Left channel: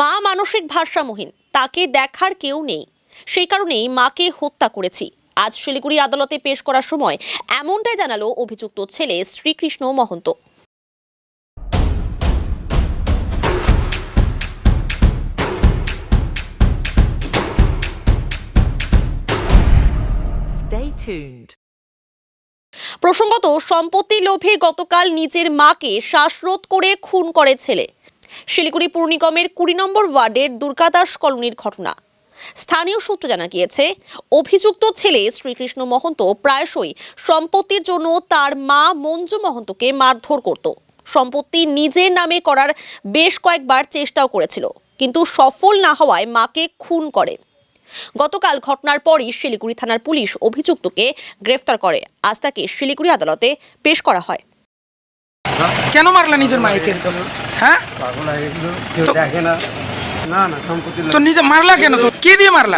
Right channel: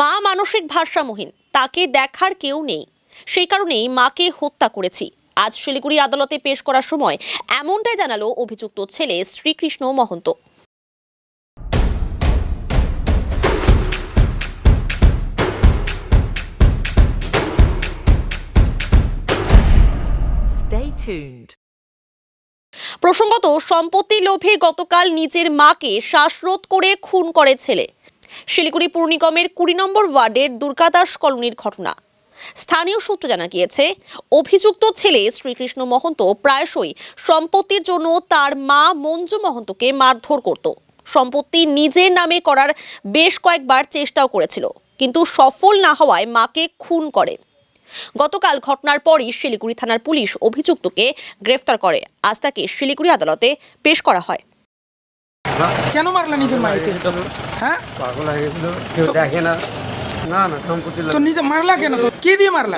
মা মানসিক ভারসাম্যহীন, তাকে দেখার কেউ নেই, সেই কারণেই মাকে হত্যা করেছি। আজ শিলিগুড়ি আদালতে পেশ করার সময় এমনটাই জানালো অভিযুক্ত ছেলে শ্রীকৃষ্ণ মহন্ত। Stay tuned. প্রসঙ্গত, সম্পত্তি লোভে গতকাল নিজের মাকে শ্বাসরোধ করে খুন করে ছেলে। শিলিগুড়ি পুর নিগমের 20 নম্বর ওয়ার্ডের দুর্গাদাস কলোনির ঘটনা। স্থানীয় সূত্রে জানা গিয়েছে, অভিযুক্ত ছেলে শ্রীকৃষ্ণ মহন্ত প্রায়শই সম্পত্তির জন্য তার মা মঞ্জু মহন্তকে মারধর করত। সম্পত্তি নিজের নামে করার বেশ কয়েকবার চেষ্টাও করেছিল, কিন্তু সফল না হওয়ায় মাকে খুন করে। গতকাল ঘটনার পরই শিলিগুড়ি থানার পুলিশ অভিযুক্তকে গ্রেফতার করে। আজ তাকে শিলিগুড়ি আদালতে পেশ করা হয়। কেন মারলা নিজের মাইকে? হ্যাঁ, পাগল হয়ে গেছিল, কেউ দেখে না। না না, সম্পত্তি তো নিজে মারলা কেন? তো কে দিয়ে মারলা?